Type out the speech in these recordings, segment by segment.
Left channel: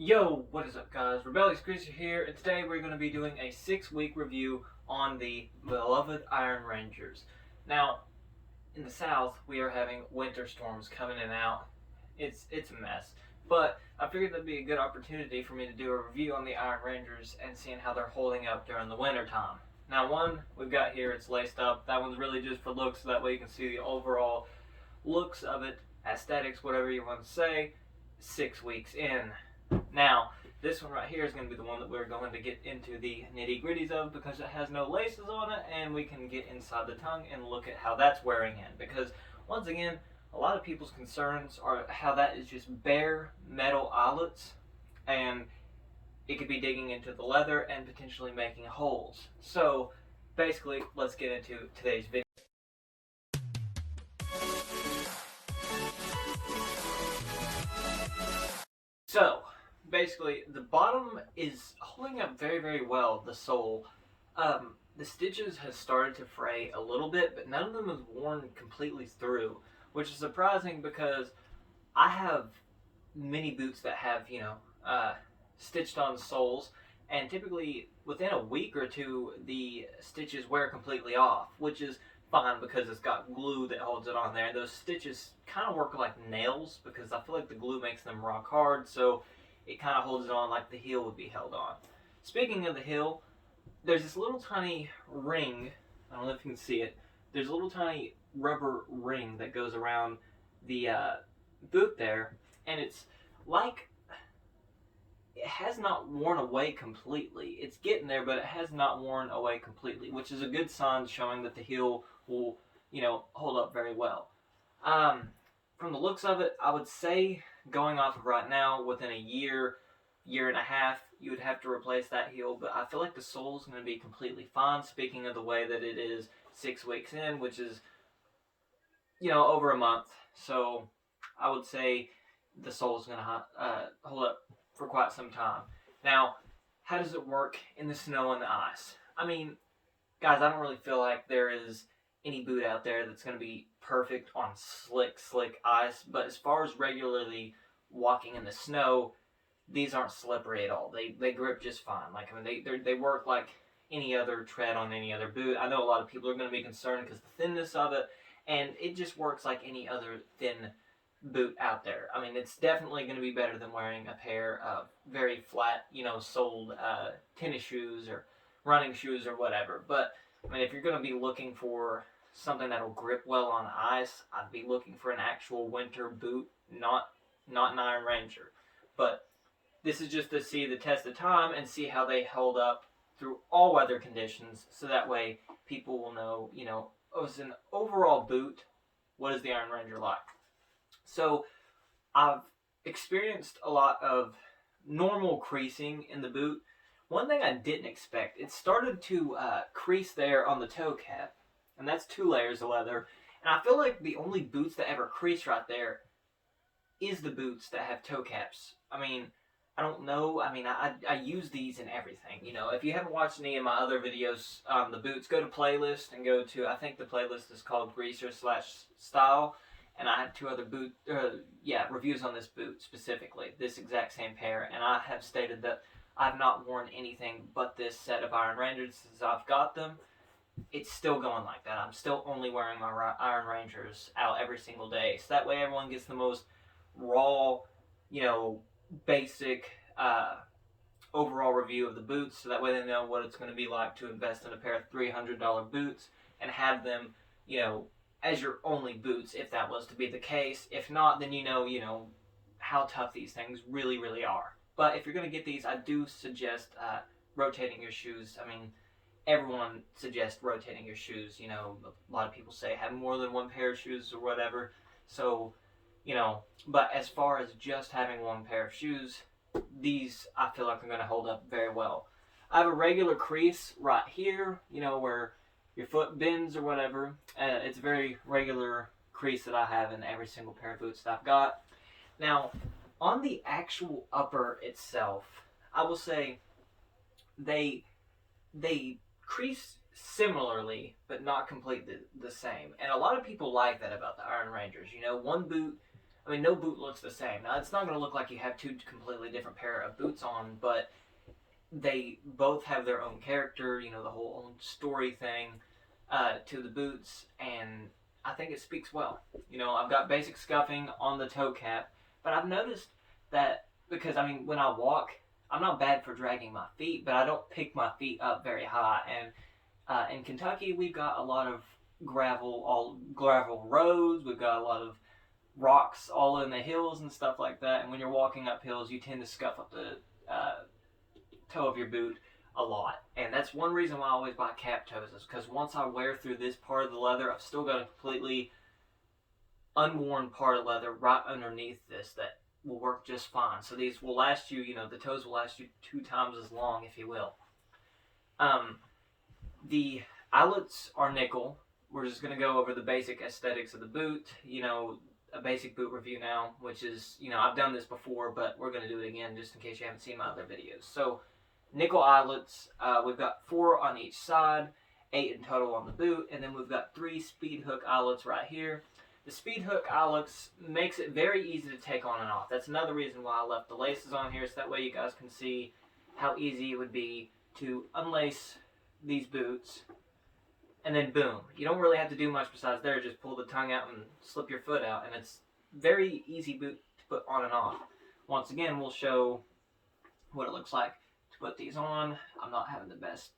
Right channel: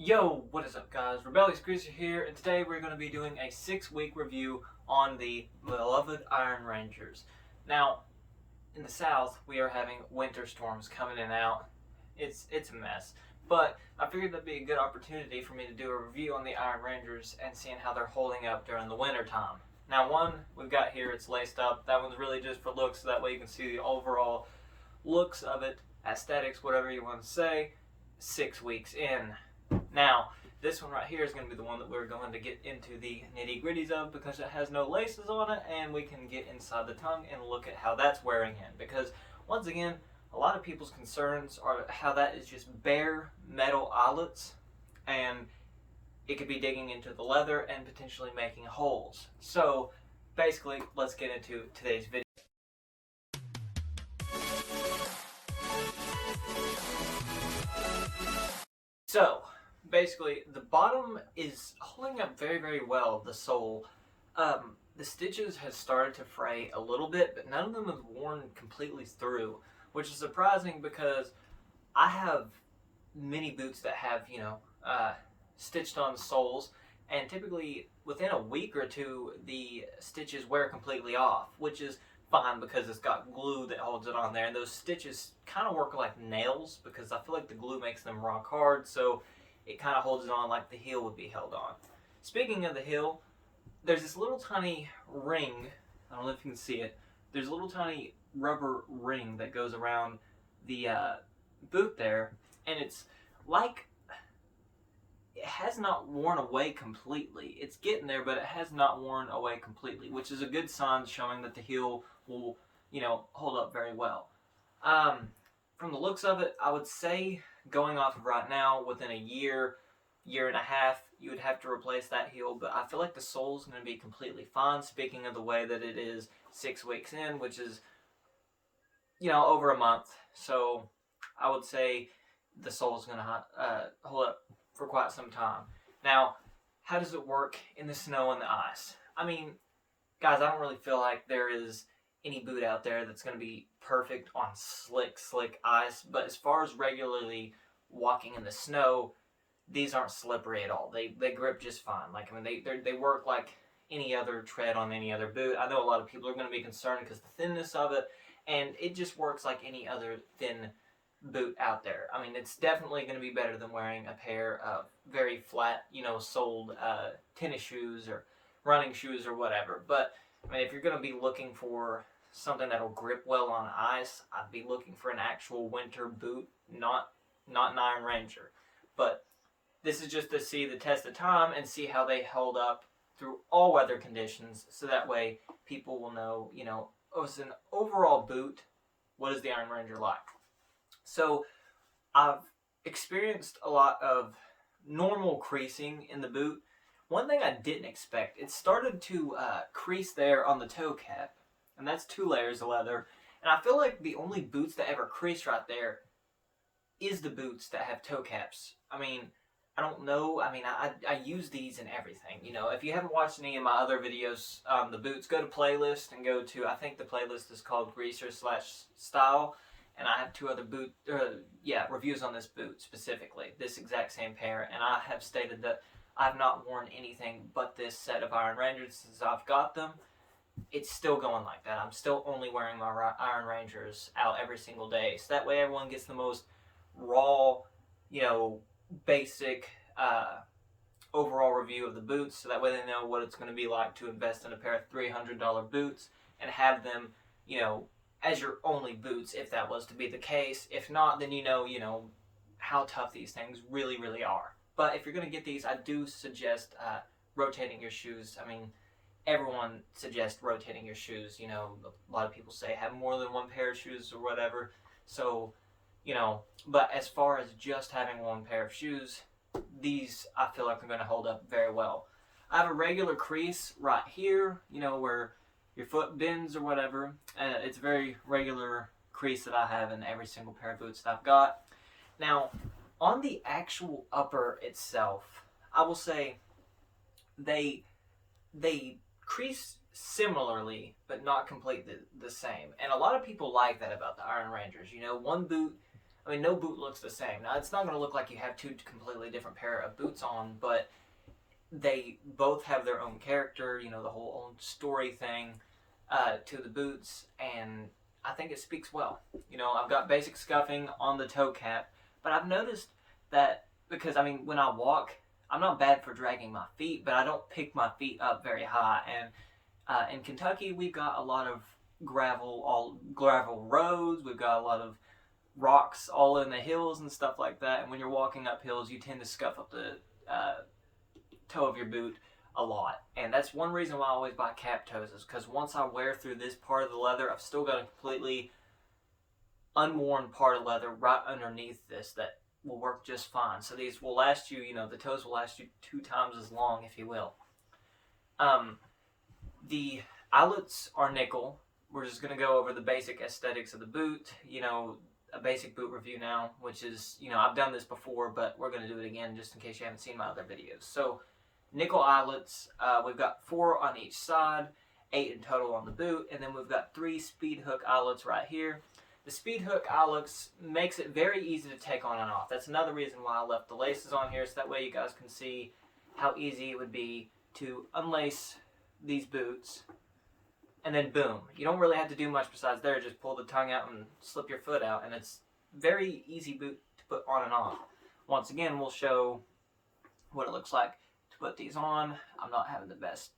Yo, what is up guys? Rebellious Greaser here, and today we're going to be doing a 6-week review on the beloved Iron Rangers. Now, in the south, we are having winter storms coming in and out. It's a mess. But I figured that'd be a good opportunity for me to do a review on the Iron Rangers and seeing how they're holding up during the winter time. Now one we've got here, it's laced up. That one's really just for looks, so that way you can see the overall looks of it, aesthetics, whatever you want to say, 6 weeks in. Now, this one right here is going to be the one that we're going to get into the nitty gritties of because it has no laces on it, and we can get inside the tongue and look at how that's wearing in. Because, once again, a lot of people's concerns are how that is just bare metal eyelets, and it could be digging into the leather and potentially making holes. So, basically, let's get into today's video. So, basically, the bottom is holding up very, very well, the sole. The stitches has started to fray a little bit, but none of them have worn completely through, which is surprising because I have many boots that have, stitched on soles, and typically within a week or two, the stitches wear completely off, which is fine because it's got glue that holds it on there, and those stitches kind of work like nails because I feel like the glue makes them rock hard, so it kind of holds it on like the heel would be held on. Speaking of the heel, there's this little tiny ring, I don't know if you can see it, there's a little tiny rubber ring that goes around the boot there, and it's like it has not worn away completely. It's getting there, but it has not worn away completely, which is a good sign showing that the heel will, hold up very well. From the looks of it, I would say going off of right now, within a year and a half, you would have to replace that heel, but I feel like the sole's going to be completely fine, speaking of the way that it is 6 weeks in, which is, over a month. So I would say the sole's going to hold up for quite some time. Now, how does it work in the snow and the ice? I mean, guys, I don't really feel like there is any boot out there that's going to be perfect on slick ice, but as far as regularly walking in the snow, these aren't slippery at all. They grip just fine. They work like any other tread on any other boot. I know a lot of people are going to be concerned because the thinness of it, and it just works like any other thin boot out there. I mean, it's definitely going to be better than wearing a pair of very flat, soled tennis shoes or running shoes or whatever. But I mean, if you're going to be looking for something that'll grip well on ice, I'd be looking for an actual winter boot, not an Iron Ranger. But this is just to see the test of time and see how they hold up through all weather conditions, so that way people will know, as an overall boot, what is the Iron Ranger like? So I've experienced a lot of normal creasing in the boot. One thing I didn't expect, it started to crease there on the toe cap, and that's 2 layers of leather. And I feel like the only boots that ever crease right there is the boots that have toe caps. I mean, I don't know. I mean, I use these in everything. If you haven't watched any of my other videos on the boots, go to playlist and go to, I think the playlist is called Greaser/Style. And I have 2 other reviews on this boot specifically, this exact same pair. And I have stated that I've not worn anything but this set of Iron Rangers since I've got them. It's still going like that. I'm still only wearing my Iron Rangers out every single day. So that way everyone gets the most raw, basic overall review of the boots. So that way they know what it's going to be like to invest in a pair of $300 boots and have them, as your only boots, if that was to be the case. If not, then you know how tough these things really, really are. But if you're going to get these, I do suggest rotating your shoes. I mean, everyone suggests rotating your shoes. A lot of people say have more than one pair of shoes or whatever. So, but as far as just having one pair of shoes, these I feel like are going to hold up very well. I have a regular crease right here, where your foot bends or whatever. It's a very regular crease that I have in every single pair of boots that I've got. Now, on the actual upper itself, I will say they crease similarly, but not completely the same. And a lot of people like that about the Iron Rangers. One boot, I mean, no boot looks the same. Now, it's not going to look like you have two completely different pair of boots on, but they both have their own character, you know, the whole own story thing to the boots, and I think it speaks well. You know, I've got basic scuffing on the toe cap, but I've noticed that because, I mean, when I walk, I'm not bad for dragging my feet, but I don't pick my feet up very high. And in Kentucky, we've got a lot of gravel roads. We've got a lot of rocks all in the hills and stuff like that. And when you're walking up hills, you tend to scuff up the toe of your boot a lot. And that's one reason why I always buy cap toes, is because once I wear through this part of the leather, I've still got a completely unworn part of leather right underneath this that will work just fine. So these will last you, you know, the toes will last you 2 times as long, if you will. The eyelets are nickel. We're just going to go over the basic aesthetics of the boot, you know, a basic boot review now, which is, you know, I've done this before, but we're going to do it again just in case you haven't seen my other videos. So, nickel eyelets, we've got 4 on each side, 8 in total on the boot, and then we've got 3 speed hook eyelets right here. The speed hook eyelets makes it very easy to take on and off. That's another reason why I left the laces on here, so that way you guys can see how easy it would be to unlace these boots, and then boom. You don't really have to do much besides there, just pull the tongue out and slip your foot out, and it's very easy boot to put on and off. Once again, we'll show what it looks like to put these on. I'm not having the best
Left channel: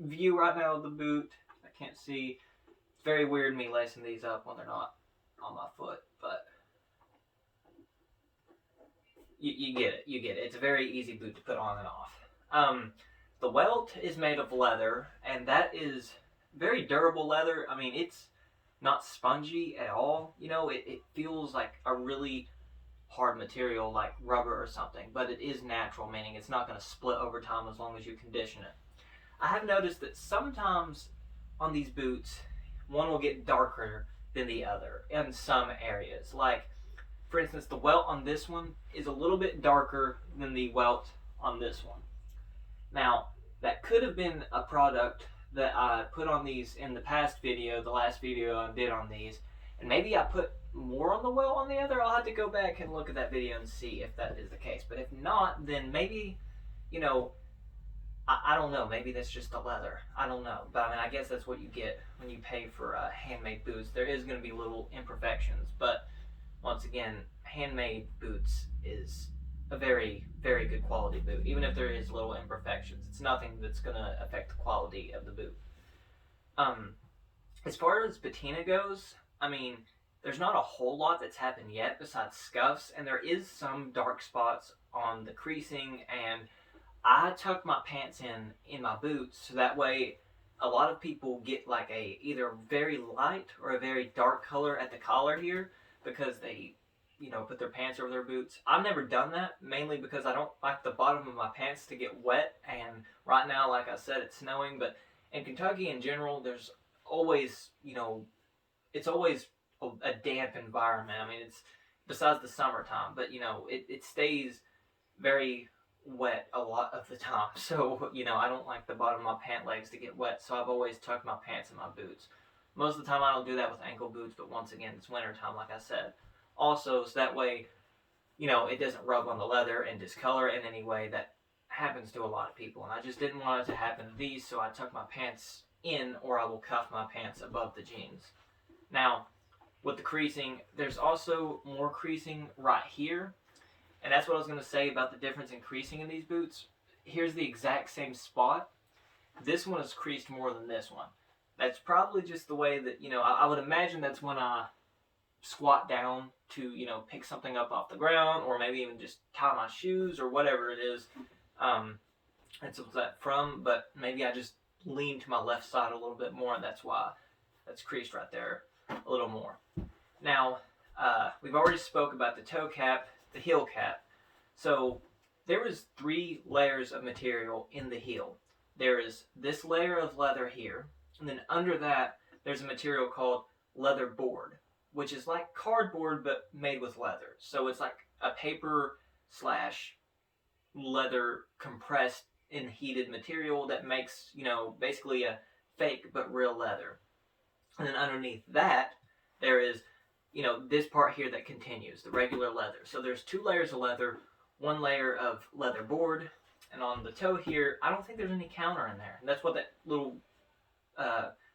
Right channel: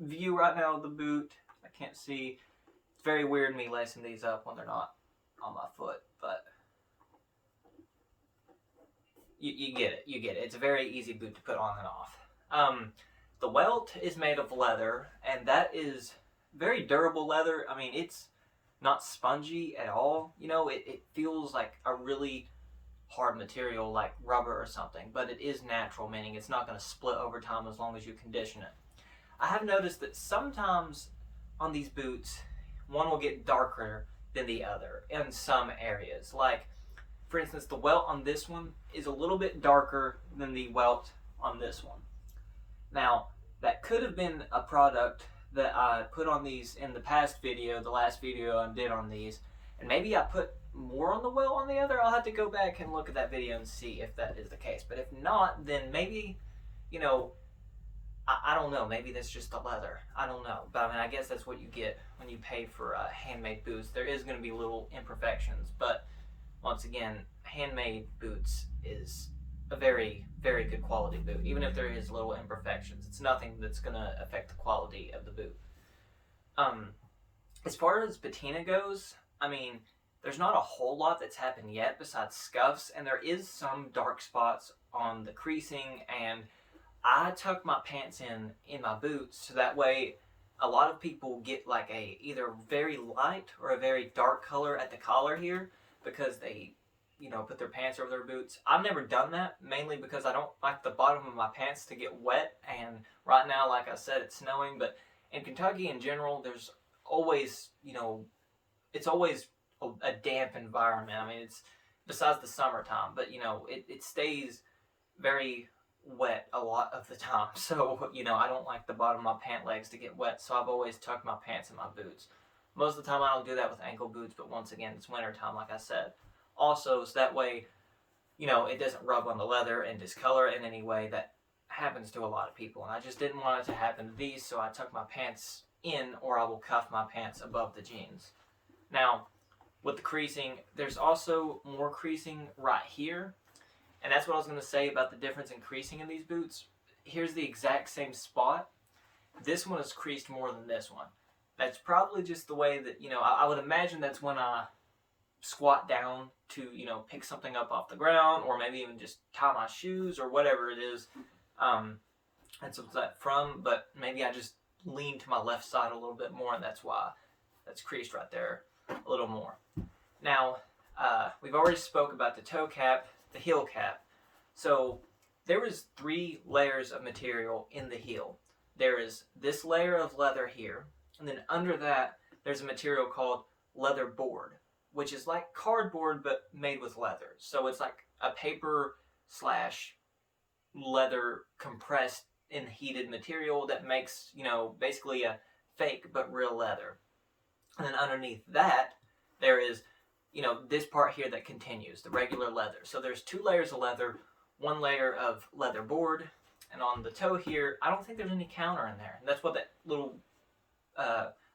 view right now of the boot. I can't see. It's very weird me lacing these up when they're not on my foot, but you get it. You get it. It's a very easy boot to put on and off. The welt is made of leather, and that is very durable leather. I mean, it's not spongy at all. You know, it feels like a really hard material like rubber or something, but it is natural, meaning it's not going to split over time as long as you condition it. I have noticed that sometimes on these boots, one will get darker than the other in some areas. Like, for instance, the welt on this one is a little bit darker than the welt on this one. Now, that could have been a product that I put on these in the past video, the last video I did on these, and maybe I put more on the welt on the other. I'll have to go back and look at that video and see if that is the case. But if not, then maybe, you know, I don't know. Maybe that's just the leather. I don't know. But I mean, I guess that's what you get when you pay for handmade boots. There is going to be little imperfections, but once again, handmade boots is a very, very good quality boot. Even if there is little imperfections, it's nothing that's going to affect the quality of the boot. As far as patina goes, I mean, there's not a whole lot that's happened yet besides scuffs, and there is some dark spots on the creasing, and I tuck my pants in my boots so that way a lot of people get like a either very light or a very dark color at the collar here because they, you know, put their pants over their boots. I've never done that, mainly because I don't like the bottom of my pants to get wet, and right now, like I said, it's snowing, but in Kentucky in general, there's always, you know, it's always a damp environment. I mean, it's besides the summertime, but you know, it stays very wet a lot of the time. So, you know, I don't like the bottom of my pant legs to get wet, so I've always tucked my pants in my boots. Most of the time I don't do that with ankle boots, but once again, it's winter time, like I said. Also, so that way, you know, it doesn't rub on the leather and discolor in any way that happens to a lot of people. And I just didn't want it to happen to these, so I tuck my pants in, or I will cuff my pants above the jeans. Now, with the creasing, there's also more creasing right here. And that's what I was going to say about the difference in creasing in these boots. Here's the exact same spot. This one is creased more than this one. That's probably just the way that, you know, I would imagine that's when I squat down to, you know, pick something up off the ground, or maybe even just tie my shoes or whatever it is. That's what's that from, but maybe I just lean to my left side a little bit more, and that's why that's creased right there a little more. Now, we've already spoke about the toe cap, the heel cap. So there was 3 layers of material in the heel. There is this layer of leather here, and then under that there's a material called leather board, which is like cardboard but made with leather. So it's like a paper slash leather compressed in heated material that makes, you know, basically a fake but real leather. And then underneath that there is you know, this part here that continues, the regular leather. So there's 2 layers of leather, 1 layer of leather board, and on the toe here, I don't think there's any counter in there. And that's what that little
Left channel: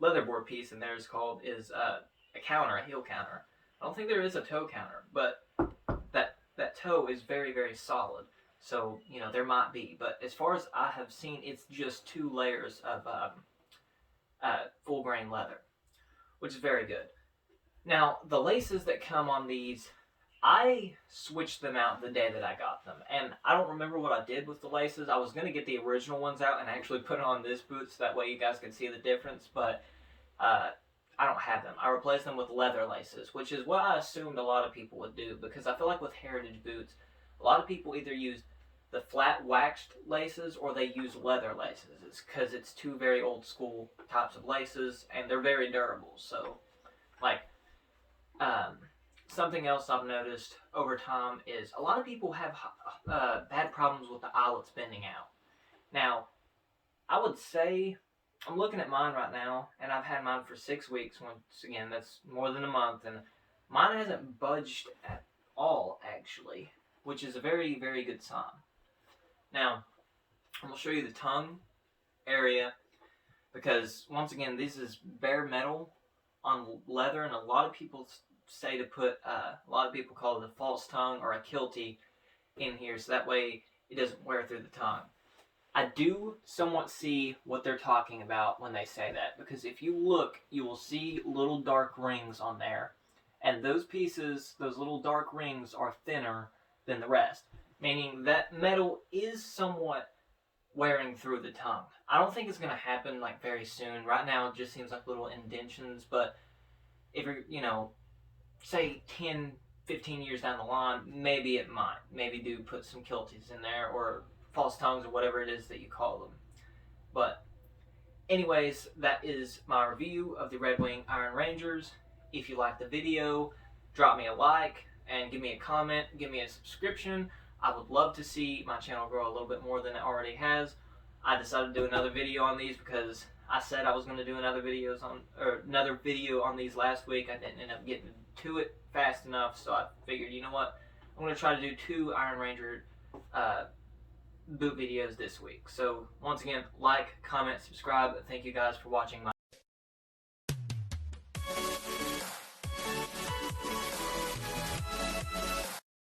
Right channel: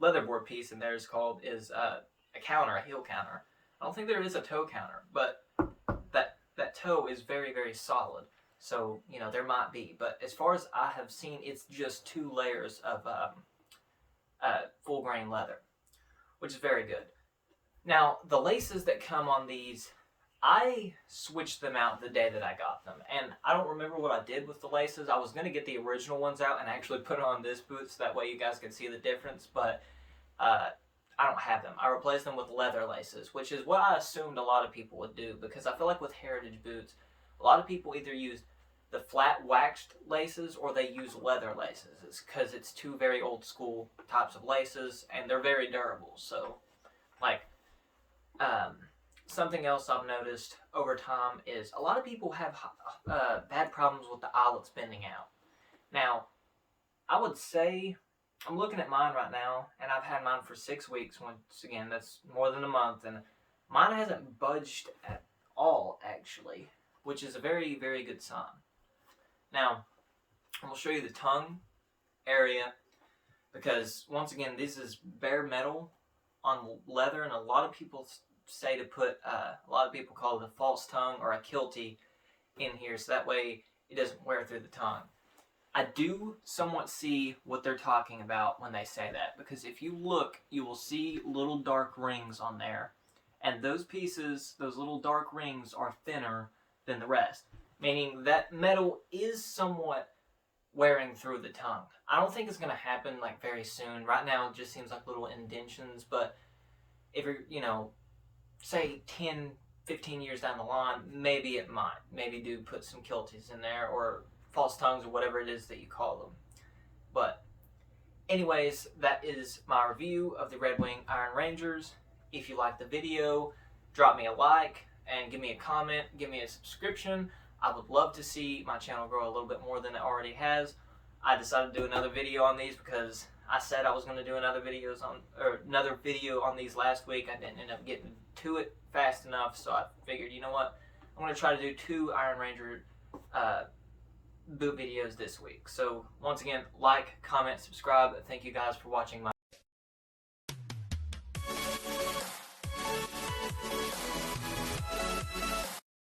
leather board piece in there is called, is a counter, a heel counter. I don't think there is a toe counter, but that toe is very, very solid. So, you know, there might be. But as far as I have seen, it's just 2 layers of full grain leather, which is very good. Now, the laces that come on these, I switched them out the day that I got them. And I don't remember what I did with the laces. I was going to get the original ones out and actually put on this boot so that way you guys can see the difference. But I don't have them. I replaced them with leather laces, which is what I assumed a lot of people would do, because I feel like with heritage boots, a lot of people either use the flat waxed laces or they use leather laces. It's because it's 2 very old school types of laces and they're very durable. So, like, something else I've noticed over time is a lot of people have bad problems with the eyelets bending out. Now, I would say, I'm looking at mine right now, and I've had mine for 6 weeks. Once again, that's more than a month, and mine hasn't budged at all, actually, which is a very, very good sign. Now, I'm going to show you the tongue area, because, once again, this is bare metal on leather, and a lot of people say to put, a lot of people call it a false tongue or a kiltie in here, so that way it doesn't wear through the tongue. I do somewhat see what they're talking about when they say that, because if you look, you will see little dark rings on there, and those pieces, those little dark rings, are thinner than the rest, meaning that metal is somewhat wearing through the tongue. I don't think it's going to happen like very soon. Right now it just seems like little indentions, but if you're, you know, say 10, 15 years down the line, maybe it might. Maybe do put some kilties in there, or false tongues, or whatever it is that you call them. But anyways, that is my review of the Redwing Iron Rangers. If you liked the video, drop me a like and give me a comment, give me a subscription. I would love to see my channel grow a little bit more than it already has. I decided to do another video on these because I said I was going to do another video on these last week. I didn't end up getting to it fast enough, so I figured, you know what, I'm going to try to do 2 Iron Ranger boot videos this week. So once again, like, comment, subscribe. Thank you guys for watching my